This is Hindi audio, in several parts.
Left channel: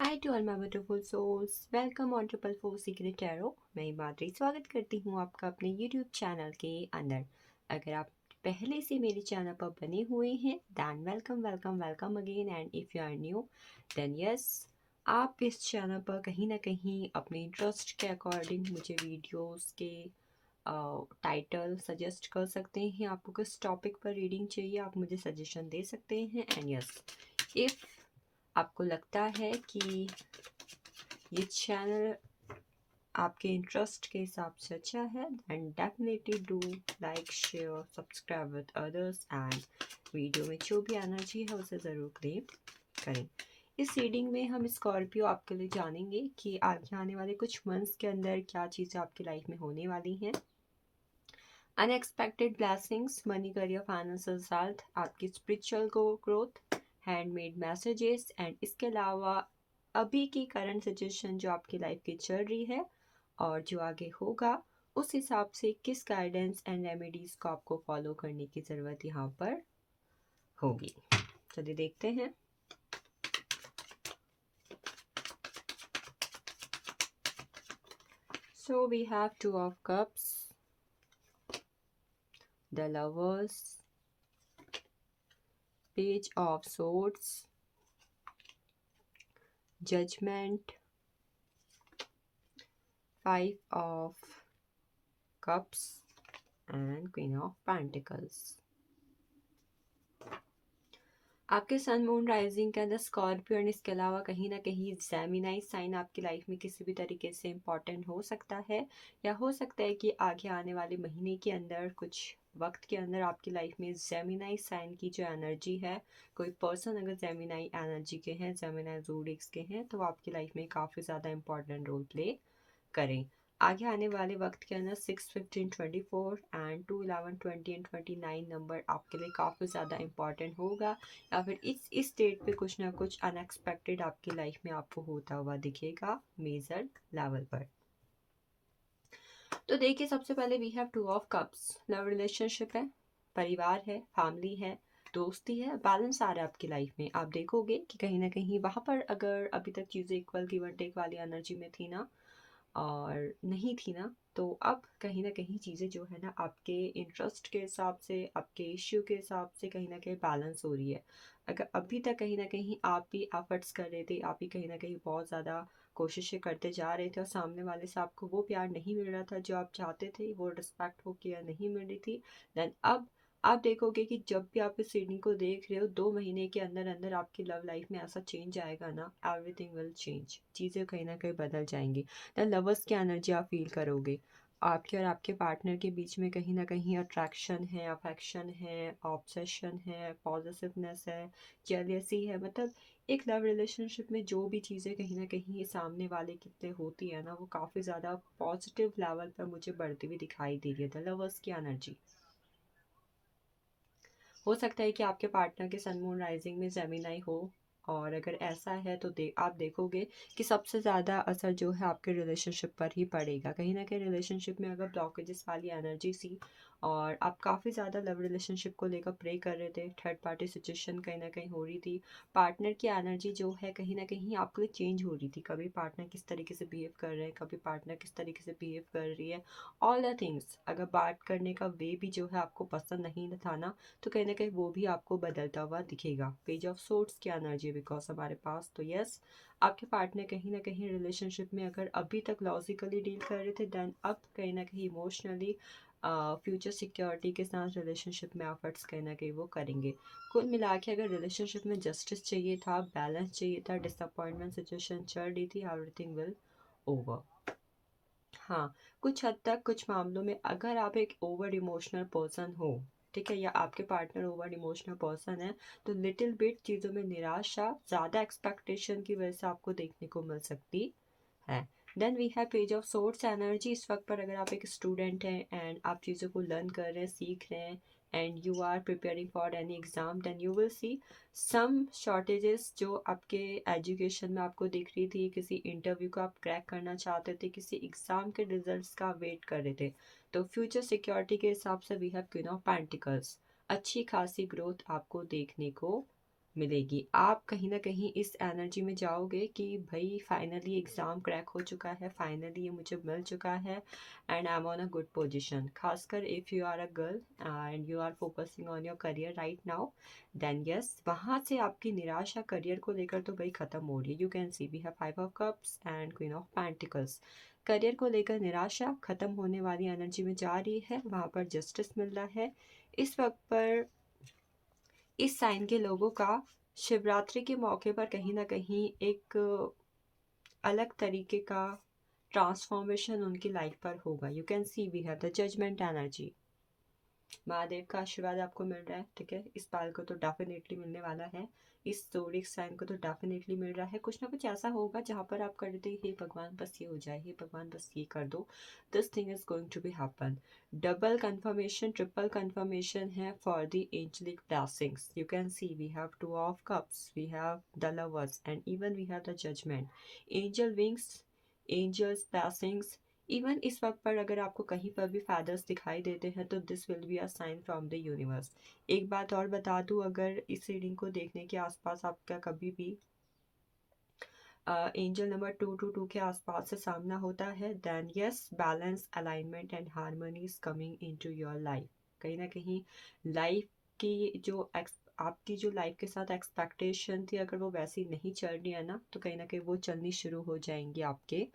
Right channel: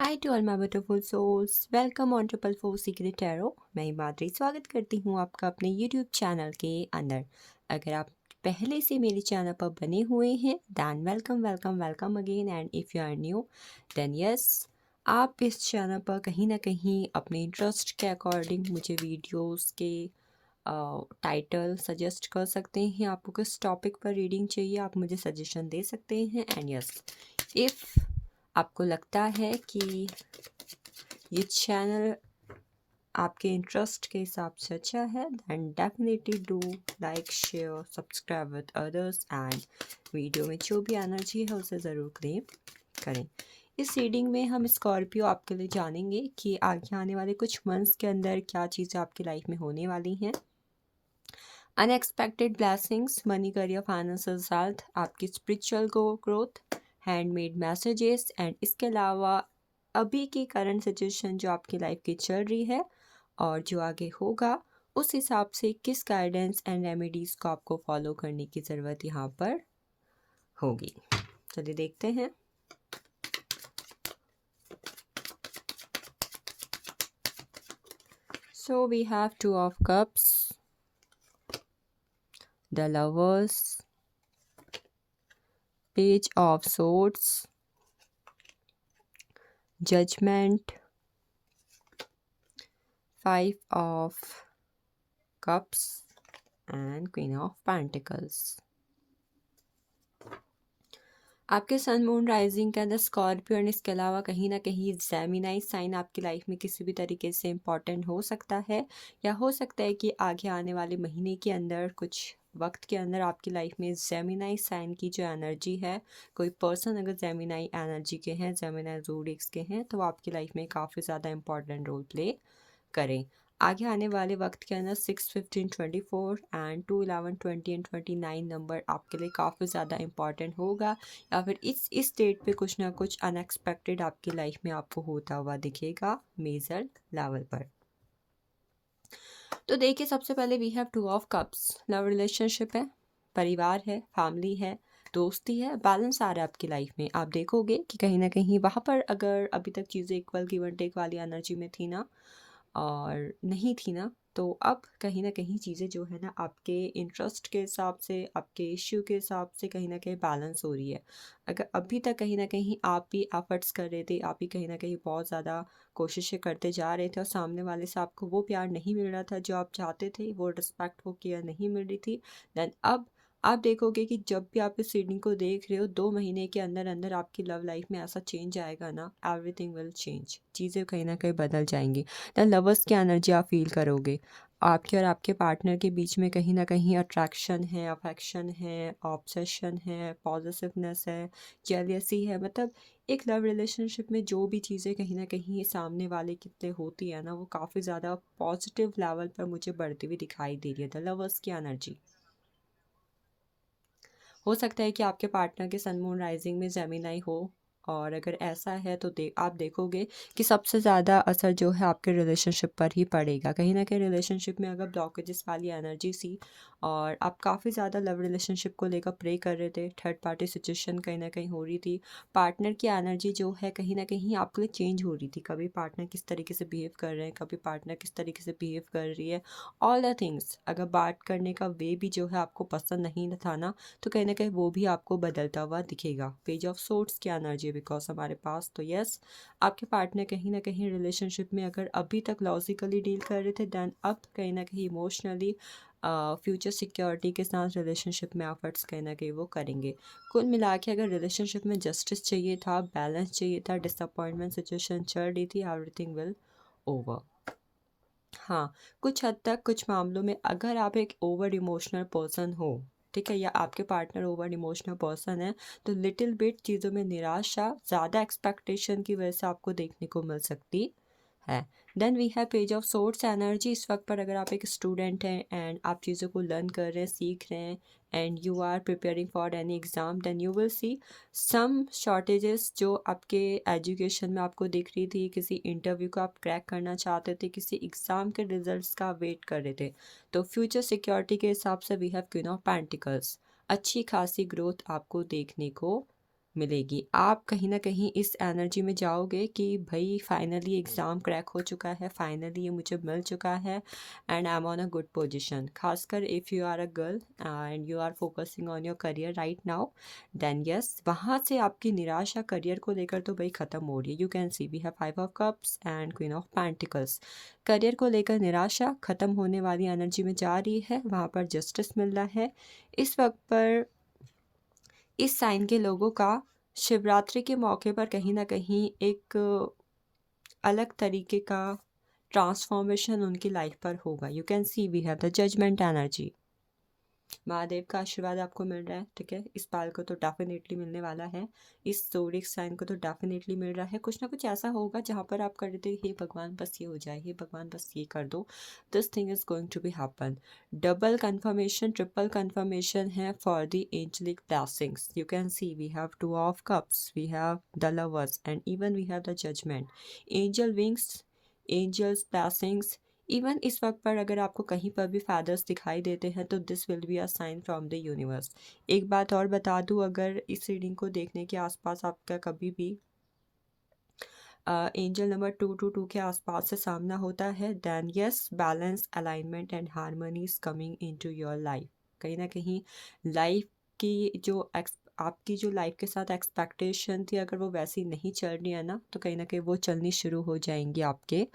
Hi to all my beautiful souls, welcome on triple four secret tarot. मैं हिमाद्री स्वागत करती हूँ आपका अपने यूट्यूब चैनल के अंदर। अगर आप पहले से मेरे चैनल पर बने हुए हैं then welcome welcome welcome again, and if you are new then yes, आप इस चैनल पर कहीं ना कहीं अपने इंटरेस्ट के अकॉर्डिंग मुझे वीडियोस के टाइटल सजेस्ट कर सकते हैं। आपको किस टॉपिक पर रीडिंग चाहिए आप मुझे सजेशन दे सकते हैं। एंड यस, इफ़ आपको लगता है कि ये चैनल आपके इंटरेस्ट के हिसाब से अच्छा है then definitely do like share subscribe with others, and video में जो भी एनर्जी है उसे ज़रूर क्लेम करें। इस रीडिंग में हम स्कॉर्पियो आपके लिए जानेंगे कि आगे आने वाले कुछ मंथ्स के अंदर क्या चीज़ें आपकी लाइफ में होने वाली हैं। Unexpected blessings, money, career, financial health, आपकी spiritual growth, handmade messages, and इसके अलावा अभी की करंट सिचुएशन जो आपकी लाइफ की चल रही है और जो आगे होगा उस हिसाब से किस गाइडेंस एंड रेमेडीज़ को आपको फॉलो करने की ज़रूरत यहाँ पर होगी। चलिए देखते हैं। So we have two of cups, the lovers, page of swords, judgement, five of cups and queen of pentacles. आपके सन मून राइजिंग के अंदर स्कॉर्पियो एंड इसके अलावा कहीं ना कहीं जेमिनाई साइन आपकी लाइफ में किसी भी तरीके से इम्पॉर्टेंट हो सकता है, या हो सकता है कि आगे आने वाले महीने के अंदर कुछ वक्त के अंदर आपकी लाइफ में जेमिनाई साइन की जो एनर्जी है, कोई पर्सन अगर जेमिनाई एनर्जी के हैं, जेमिनाई ज़ोडिएक्स के हैं, तो आपकी लाइफ में काफ़ी ज़्यादा इंपॉर्टेंट रोल प्ले करें। आगे आने वाले वक्त के अंदर 6, 15, 24 एंड 2, 11, 20 एंड 29 नंबर आपके लिए काफ़ी ज़्यादा इंपॉर्टेंट होगा, या फिर इस डेट पे कुछ ना कुछ अनएक्सपेक्टेड आपकी लाइफ में आपको होता हुआ दिखेगा मेजर लेवल पर। तो देखिए, सबसे पहले we have two of cups, love relationship है, परिवार है, फैमिली है, दोस्ती है, बैलेंस आ रहा है आपकी लाइफ में। आप देखोगे कि कहीं ना कहीं वहाँ पर अगर अभी तक चीज़ें इक्वल गिव एंड टेक वाली एनर्जी में थी ना, और नहीं थी ना, तो अब कहीं ना कहीं चीज़ें जो है ना आपके इंटरेस्ट के हिसाब से, आपके इश्यू के हिसाब से कहीं ना कहीं बैलेंस हो रही है। अगर अभी तक कहीं ना कहीं आप भी एफर्ट्स कर रहे थे, आप भी कहीं ना कहीं बहुत ज़्यादा कोशिशें करते जा रहे थे और सामने वाले से आपको वो प्यार नहीं मिल रहा था जो आप चाहते थे, वो रिस्पेक्ट, वो केयर नहीं मिल रही थी, देन अब आप देखोगे कि जब भी आप इस रीडिंग को देख रहे हो 2 महीने के अंदर अंदर आपकी लव लाइफ में ऐसा चेंज आएगा ना, एवरीथिंग विल चेंज, चीज़ें कहीं ना कहीं बदल जाएंगी। दैन लवर्स की एनर्जी आप फील करोगे। आपके और आपके पार्टनर के बीच में कहीं ना कहीं अट्रैक्शन है, अफेक्शन है, ऑब्सेशन है, पॉजिटिवनेस है, जेलियसी है। मतलब एक लव रिलेशनशिप में जो भी चीज़ें कहीं ना कहीं सामने वाले कितने होती है ना, वो काफ़ी ज़्यादा पॉजिटिव लेवल पर मुझे बढ़ती हुई दिखाई दे रही है। द लवर्स की एनर्जी हो सकता है कि आपके पार्टनर के सन मून राइजिंग में जेमिनाई हो, और अगर ऐसा है तो आप देखोगे कि सबसे ज़्यादा असर जो है आपके रिलेशनशिप पर ही पड़ेगा। कहीं ना कहीं रिलेशनशिप में अगर ब्लॉकेजेस वाली एनर्जी सी, और आप काफ़ी ज़्यादा लव रिलेशनशिप को लेकर प्रे कर रहे थे, थर्ड पार्टी सिचुएशन कहीं ना कहीं हो रही थी, पार्टनर की एनर्जी जो है कहीं ना कहीं आपके लिए चेंज हो रही थी। कभी पार्टनर किस तरीके से बिहेव कर रहे हैं, कभी पार्टनर किस तरीके से बिहेव कर रही है, ऑल द थिंग्स। अगर बात करने का वे भी जो है आपको पसंद नहीं था ना, तो कहीं ना कहीं वो भी आपको बदलता हुआ दिखेगा। पेज ऑफ सोर्ड्स की एनर्जी बिकॉज हमारे पास, तो यस, आपके पार्टनर कहीं ना कहीं रिलेशनशिप में अगर अभी तक लॉजिकली डील कर रहे थे, देन अब कहीं ना कहीं इमोशनली फ्यूचर सिक्योरिटी के साथ रिलेशनशिप में एफर्ट्स कहीं ना कहीं वो करेंगे। कुल मिला के अगर रिलेशनशिप में जस्टिस चाहिए था, बैलेंस चाहिए था, डिसअपॉइंटमेंट सिचुएशन चल रही थी, एवरीथिंग विल ओवर। हाँ, कुछ हद तक कुछ मामलों में अगर आप एक ओवर इमोशनल पर्सन हो, ठीक है, या आपके पार्टनर ओवर इमोशनल पर्सन है, तो लिटिल बिट चीज़ों में निराशा, ज़्यादा एक्सपेक्टेशन की वजह से आपको देखने को मिल सकती है। Then we have page of swords energy. इस वक्त पर अगर आप एक स्टूडेंट हैं एंड आप चीज़ों को लर्न कर रहे हैं, सीख रहे हैं, and you are preparing for any exam, then you will see some shortages जो आपके एजुकेशन में आपको दिख रही थी। किसी इंटरव्यू को आप क्रैक करना चाहते थे, किसी एग्ज़ाम के रिजल्ट्स का वेट कर रहे थे, तो फ्यूचर सिक्योरिटी के हिसाब से we have queen of pentacles, अच्छी खासी ग्रोथ आपको देखने को मिलेगी। आप कहीं न कहीं इस एनर्जी में जाओगे कि भई फाइनली एग्ज़ाम क्रैक हो चुका है, फाइनली ये मुझे मिल चुका है and I am on a good position. ख़ासकर if you are a girl and you are focusing on your career right now, then yes, वहाँ से आपकी निराशा करियर को लेकर तो भई ख़त्म हो रही है। You can see we have 5 of cups and queen of pentacles. Career को लेकर निराशा ख़त्म होने वाली एनर्जी में जा रही है, वहाँ पर जस्टिस मिल रहा है। इस वक़्त पर इस साइन के लोगों का शिवरात्रि के मौके पर कहीं न कहीं एक अलग तरीके का ट्रांसफॉर्मेशन उनकी लाइफ पर होगा। You can see we have the judgement energy. Mahadev का आशीर्वाद आपको मिल रहा है, ठीक है। इस बाल को तो डेफिनेटली मिलने वाला है, इस जोडिक साइन को तो डेफिनेटली मिल रहा है। कुछ ना कुछ ऐसा होगा जहाँ पर आप कर देते हे भगवान बस ये हो जाए, हे भगवान बस ये कर दो, this thing is going to be happen. Double confirmation, triple confirmation है for the angelic blessings. You can see we have 2 of cups, we have the lovers and even we have the judgement. Angel wings, angels blessings. Even इस वक्त पर अगर आपको कहीं पर भी फैदर्स दिखाई देते हैं तो this will be a sign from the universe. एक बात और बता दूं, अगर इस रीडिंग को देखने के आसपास आपका कभी भी एंजल नंबर 222 के आसपास से सामना होता है, then yes, balance, alignment and harmony is coming into your life. कहीं ना कहीं लाइफ की जो आपकी जो लाइफ के साथ एक्सपेक्टेशन थी, अगर वो वैसी नहीं चल रही है ना, तो कहीं ना कहीं वो चलनी शुरू हो जाएंगी आपके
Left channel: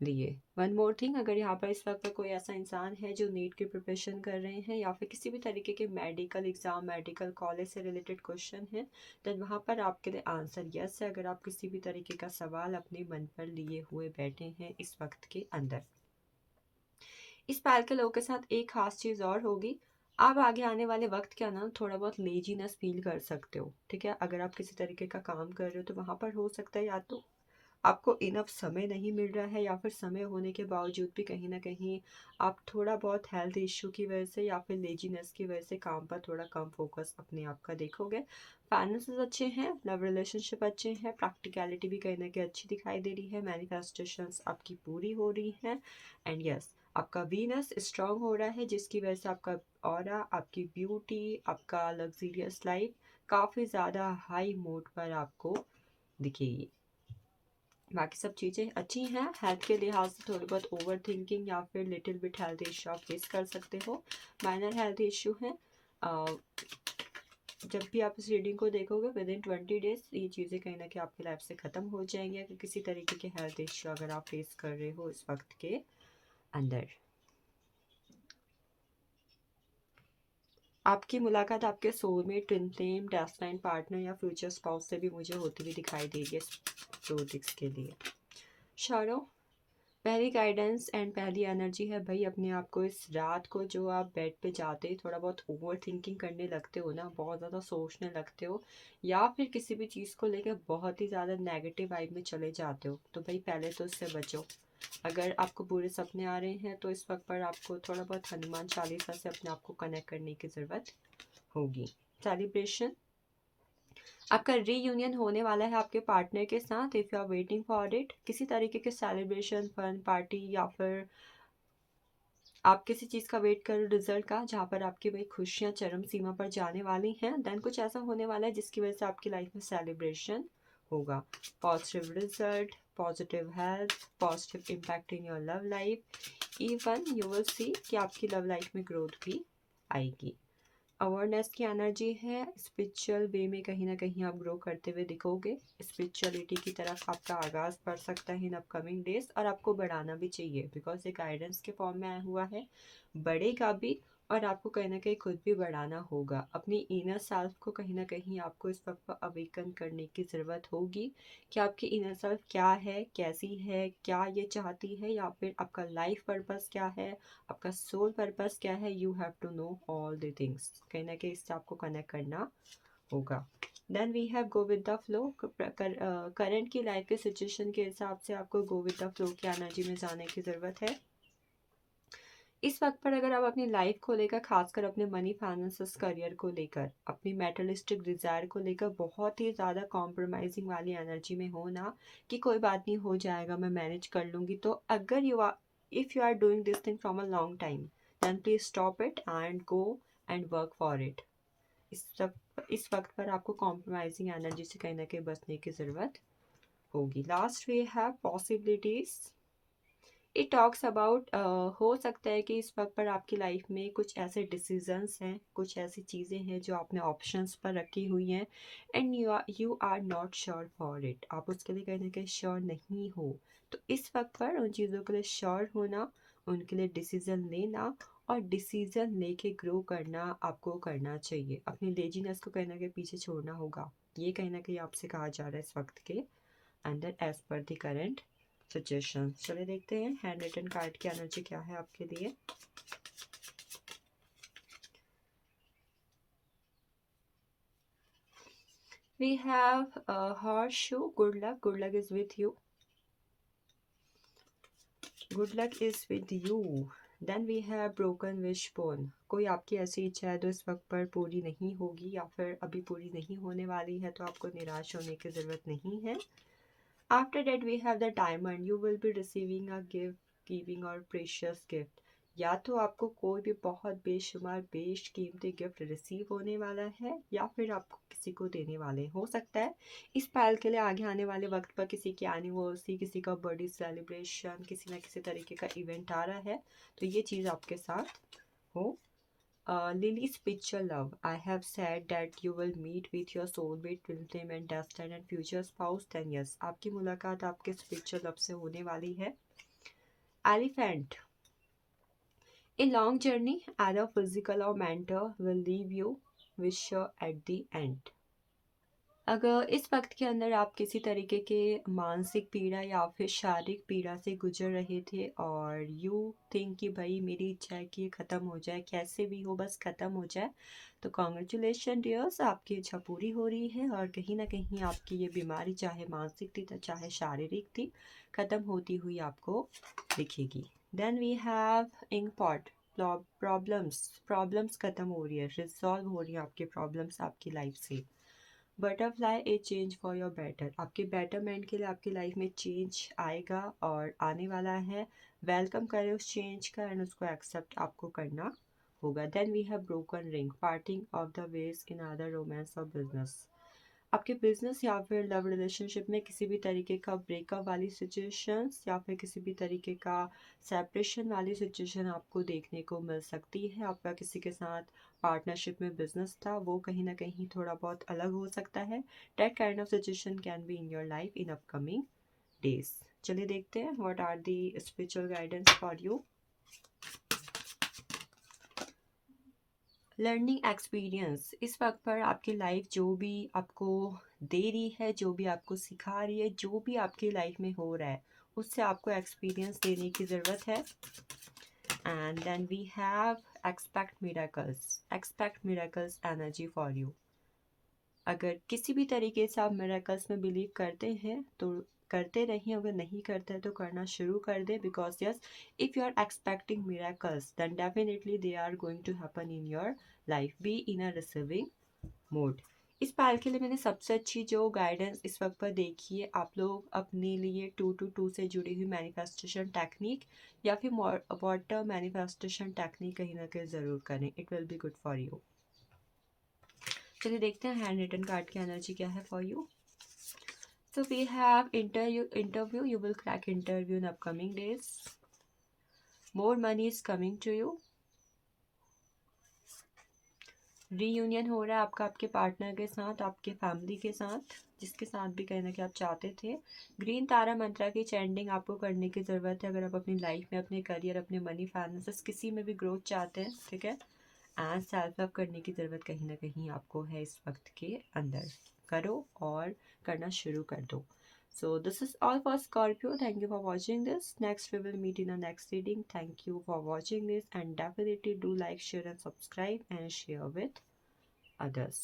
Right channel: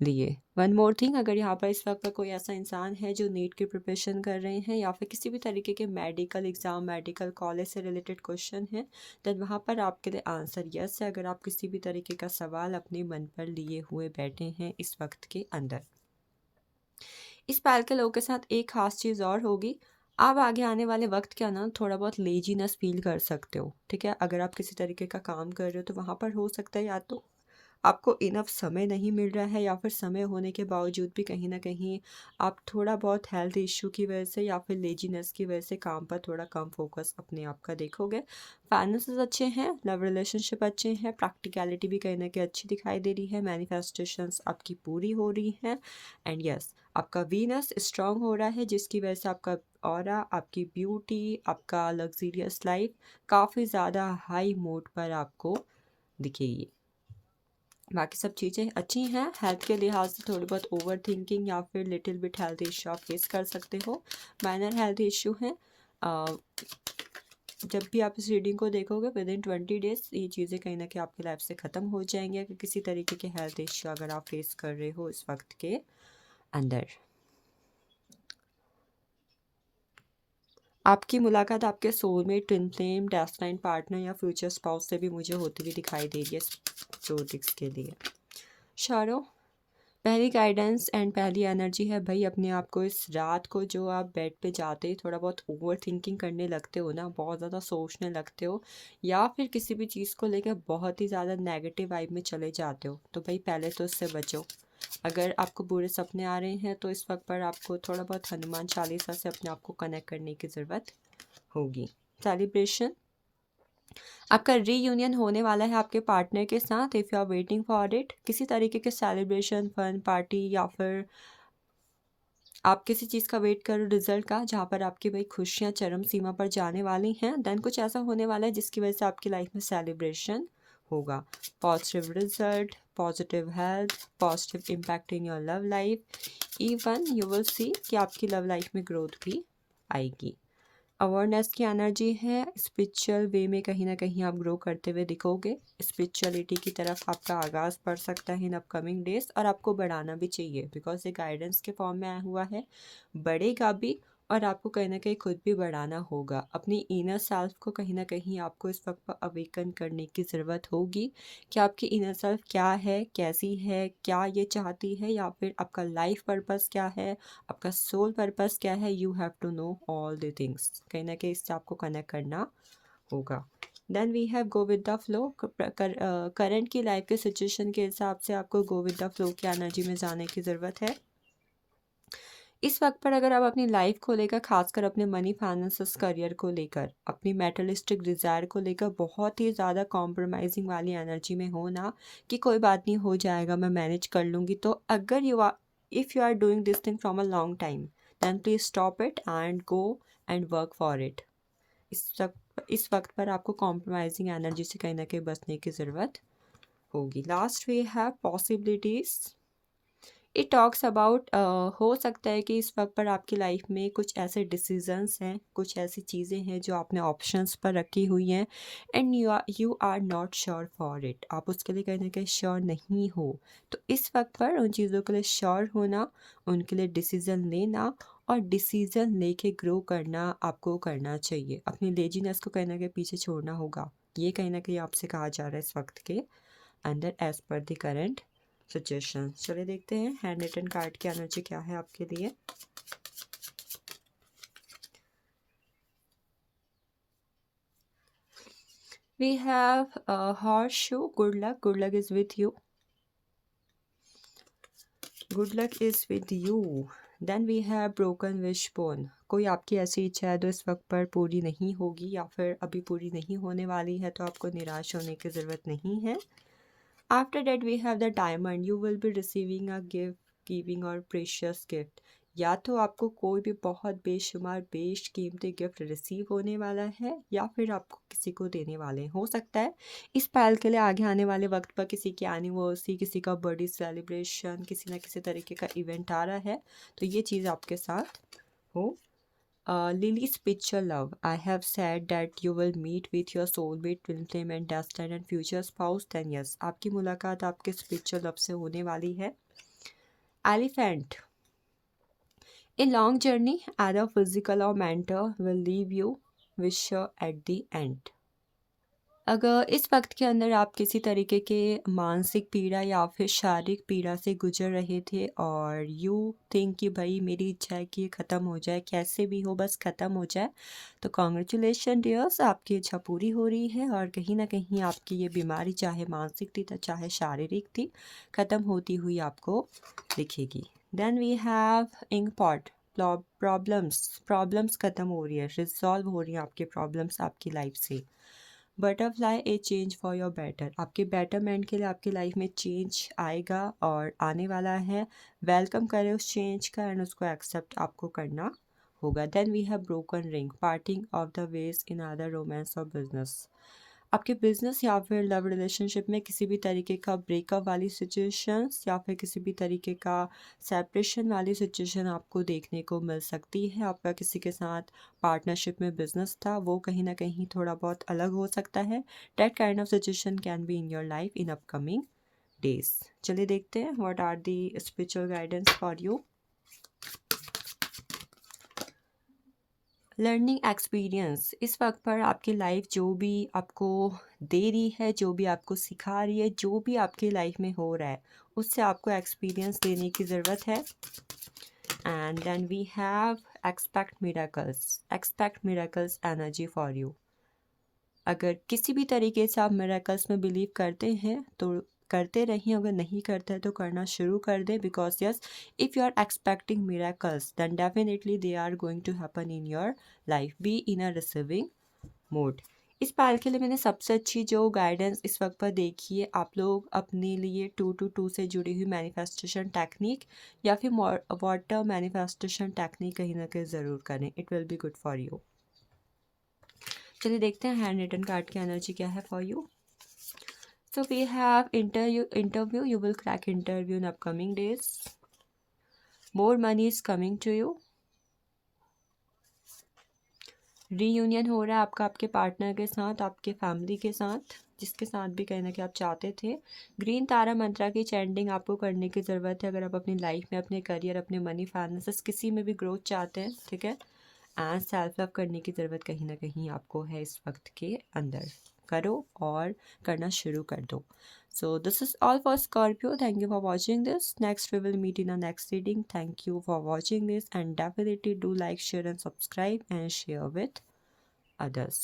लिए। वन मोर थिंग, अगर यहाँ पर इस वक्त पर कोई ऐसा इंसान है जो नीट की प्रिपरेशन कर रहे हैं या फिर किसी भी तरीके के मेडिकल एग्ज़ाम, मेडिकल कॉलेज से रिलेटेड क्वेश्चन है, देन वहाँ पर आपके लिए आंसर यस है। अगर आप किसी भी तरीके का सवाल अपने मन पर लिए हुए बैठे हैं इस वक्त के अंदर। इस पाल के लोगों के साथ एक खास चीज़ और होगी, आप आगे आने वाले वक्त क्या ना थोड़ा बहुत लेजीनेस फील कर सकते हो, ठीक है। अगर आप किसी तरीके का काम कर रहे हो तो वहाँ पर हो सकता है या तो आपको इनफ समय नहीं मिल रहा है या फिर समय होने के बावजूद भी कहीं ना कहीं आप थोड़ा बहुत हेल्थ इश्यू की वजह से या फिर लेजीनेस की वजह से काम पर थोड़ा कम फोकस अपने आप का देखोगे। फाइनेंसेस अच्छे हैं, लव रिलेशनशिप अच्छे हैं, प्रैक्टिकलिटी भी कहीं ना कहीं अच्छी दिखाई दे रही है, मैनिफेस्टेशंस आपकी पूरी हो रही हैं एंड यस, आपका वीनस स्ट्रांग हो रहा है जिसकी वजह से आपका ऑरा, आपकी ब्यूटी, आपका लग्जरियस लाइफ काफ़ी ज़्यादा हाई मोड पर आपको दिखेगी। बाकी सब चीज़ें अच्छी हैं। हेल्थ के लिहाज से थोड़ी बहुत ओवर थिंकिंग या फिर लिटिल बिट हेल्थ इश्यू आप फेस कर सकते हो, माइनर हेल्थ इश्यू हैं। जब भी आप इस रीडिंग को देखोगे विद इन 20 डेज ये चीज़ें कहीं ना कहीं आपकी लाइफ से ख़त्म हो जाएंगी, अगर किसी तरीके के हेल्थ इश्यू अगर आप फेस कर रहे हो इस वक्त के अंदर। आपकी मुलाकात आपके soulmate, twin flame, destiny partner या फ्यूचर स्पाउस से भी मुझे होती हुई दिखाई दे रही है जोडिक्स के लिए। शारो, पहली गाइडेंस एंड पहली एनर्जी है भाई, अपने आप को इस रात को जो आप बेड पे जाते ही थोड़ा बहुत ओवर थिंकिंग करने लगते हो ना, बहुत ज़्यादा सोचने लगते हो या फिर किसी भी चीज़ को लेकर बहुत ही ज़्यादा नेगेटिव वाइब में चले जाते हो, तो भाई पहले तो इससे बचो। अगर आपको बुरे सपने आ रहे हैं तो इस वक्त पर आपको थोड़ा बहुत हनुमान चालीसा से अपने आप को कनेक्ट करने की ज़रूरत होगी। सेलिब्रेशन, आपका रीयूनियन होने वाला है आपके पार्टनर के साथ। If you are waiting for it, किसी तरीके के सेलिब्रेशन, फन पार्टी या फिर आप किसी चीज़ का वेट करो रिजल्ट का, जहाँ पर आपकी भाई खुशियाँ चरम सीमा पर जाने वाली हैं, देन कुछ ऐसा होने वाला है जिसकी वजह से आपकी लाइफ में सेलिब्रेशन होगा। Positive result, positive health, positive impact in your love life, even you will सी कि आपकी लव लाइफ में ग्रोथ भी आएगी। अवेयरनेस की एनर्जी है, स्पिरिचुअल वे में कहीं ना कहीं आप ग्रो करते हुए दिखोगे। स्पिरिचुअलिटी की तरफ आपका आगाज़ पड़ सकता है इन अपकमिंग डेज, और आपको बढ़ाना भी चाहिए बिकॉज ये गाइडेंस के फॉर्म में आया हुआ है, बढ़ेगा भी और आपको कहीं ना कहीं खुद भी बढ़ाना होगा। अपनी इनर सेल्फ को कहीं ना कहीं आपको इस वक्त पर अवेकन करने की ज़रूरत होगी कि आपकी इनर सेल्फ क्या है, कैसी है, क्या ये चाहती है, या फिर आपका लाइफ पर्पस क्या है, आपका सोल पर्पस क्या है। You have to know all the things, कहीं ना कहीं इससे आपको कनेक्ट करना होगा। Then we have go with the flow, current की लाइफ के सिचुएशन के हिसाब से आपको गो विद द फ्लो की एनर्जी में जाने की ज़रूरत है। इस वक्त पर अगर आप अपनी लाइफ को लेकर, खासकर अपने मनी, फाइनेंसेस, करियर को लेकर, अपनी मेटलिस्टिक डिज़ायर को लेकर बहुत ही ज़्यादा कॉम्प्रोमाइजिंग वाली एनर्जी में हो ना, कि कोई बात नहीं हो जाएगा, मैं मैनेज कर लूँगी, तो अगर if you are doing this thing from a long time, then please stop it and go and work for it. इस सब इस वक्त पर आपको कॉम्प्रोमाइजिंग एनर्जी से कहीं ना कहीं बचने की ज़रूरत होगी। Last we have possibilities. It talks about हो सकता है कि इस वक्त पर आपकी लाइफ में कुछ ऐसे डिसीजंस हैं, कुछ ऐसी चीज़ें हैं जो आपने ऑप्शंस पर रखी हुई हैं and you are not sure for it. आप उसके लिए कहीं ना कहीं श्योर नहीं हो। तो इस वक्त पर उन चीज़ों के लिए श्योर होना, उनके लिए डिसीज़न लेना और डिसीज़न लेके ग्रो करना आपको करना चाहिए। अपनी लेजीनेस को कहीं ना कहीं पीछे छोड़ना होगा। ये कहीं ना कहीं आपसे कहा जा रहा है इस वक्त के अंदर as per the current suggestion. चलिए देखते हैं हैंड रिटन कार्ड की एनर्जी क्या है आपके लिए। We have horseshoe, good luck, good luck is with you, good luck is with you. Then we have broken wishbone, कोई आपकी ऐसी इच्छा है जो इस वक्त पर पूरी नहीं होगी या फिर अभी पूरी नहीं होने वाली है, तो आपको निराश होने की ज़रूरत नहीं है। After that we have the diamond, you will be receiving a gift, giving or precious gift। या तो आपको कोई भी बहुत बेशुमार बेशकीमती गिफ्ट रिसीव होने वाला है या फिर आपको किसी को देने वाले हो सकता है इस पायल के लिए आगे आने वाले वक्त पर किसी की एनिवर्सरी, किसी का बर्थडे सेलिब्रेशन, किसी न किसी तरीके का इवेंट आ रहा है, तो ये चीज़ आपके साथ हो। Lily's picture love. I have said that you will meet with your soulmate, twin flame and destined and future spouse. Then yes, आपकी मुलाकात आपके spiritual love से होने वाली है। Elephant. A long journey, either physical or mental, will leave you wisher at the end। अगर इस वक्त के अंदर आप किसी तरीके के मानसिक पीड़ा या फिर शारीरिक पीड़ा से गुजर रहे थे और यू थिंक कि भाई मेरी इच्छा है कि ये ख़त्म हो जाए, कैसे भी हो बस ख़त्म हो जाए, तो कॉन्ग्रेचुलेशन डियर्स, आपकी इच्छा पूरी हो रही है और कहीं ना कहीं आपकी ये बीमारी चाहे मानसिक थी तो चाहे शारीरिक थी, ख़त्म होती हुई आपको दिखेगी। Then we have ink pot. Problems ख़त्म हो रही है, रिजॉल्व हो रही है आपके प्रॉब्लम्स आपकी लाइफ से। Butterfly, A change for your better, आपके बेटरमेंट के लिए आपकी लाइफ में चेंज आएगा और आने वाला है। वेलकम करें उस चेंज का एंड उसको एक्सेप्ट आपको करना होगा। Then we have broken ring, parting of the ways in other romance और बिजनेस। आपके बिजनेस या फिर लव रिलेशनशिप में किसी भी तरीके का ब्रेकअप वाली सिचुएशंस या फिर किसी भी तरीके का सेपरेशन वाली सिचुएशन आपको देखने को मिल सकती है। आपका किसी के साथ पार्टनरशिप में बिजनेस था, वो कहीं ना कहीं थोड़ा बहुत अलग हो सकता है। That kind of situation can be in your life in upcoming days. चलिए देखते हैं what are the spiritual guidance for you. Learning experience, इस वक्त पर आपकी लाइफ जो भी आपको दे रही है, जो भी आपको सिखा रही है, जो भी आपकी लाइफ में हो रहा है, उससे आपको एक्सपीरियंस लेने की ज़रूरत है। And then we have expect miracles energy for you. अगर किसी भी तरीके से आप मिरेकल्स में बिलीव करते हैं तो करते रहिए, अगर नहीं करते हैं तो करना शुरू कर दें, because yes, if you are expecting miracles then definitely they are going to happen in your life. Be in a receiving mode. इस पायल के लिए मैंने सबसे अच्छी जो गाइडेंस इस वक्त पर देखी है, आप लोग अपने लिए 222 से जुड़ी हुई मैनिफेस्टेशन टेक्निक या फिर वाटर मैनिफेस्टेशन टेक्निक कहीं ना कहीं ज़रूर करें, it will be good for you. चलिए देखते हैं हैंड रिटन कार्ड की एनर्जी क्या है for you. So we have interview, you will crack interview in upcoming days. More money is coming to you. Reunion हो रहा है आपका आपके पार्टनर के साथ, आपके फैमिली के साथ, जिसके साथ भी कहीं ना कहीं आप चाहते थे। ग्रीन तारा मंत्रा की चैंटिंग आपको करने की ज़रूरत है अगर आप अपनी लाइफ में, अपने करियर, अपने मनी फाइनेंसेस किसी में भी ग्रोथ चाहते हैं, ठीक है। एंड सेल्फ लव करने की ज़रूरत कहीं ना कहीं आपको है इस वक्त के अंदर। करो और करना शुरू कर दो। So this is all for Scorpio, thank you for watching this. Next we will meet in a next reading. Thank you for watching this and definitely do like, share and subscribe and share with others.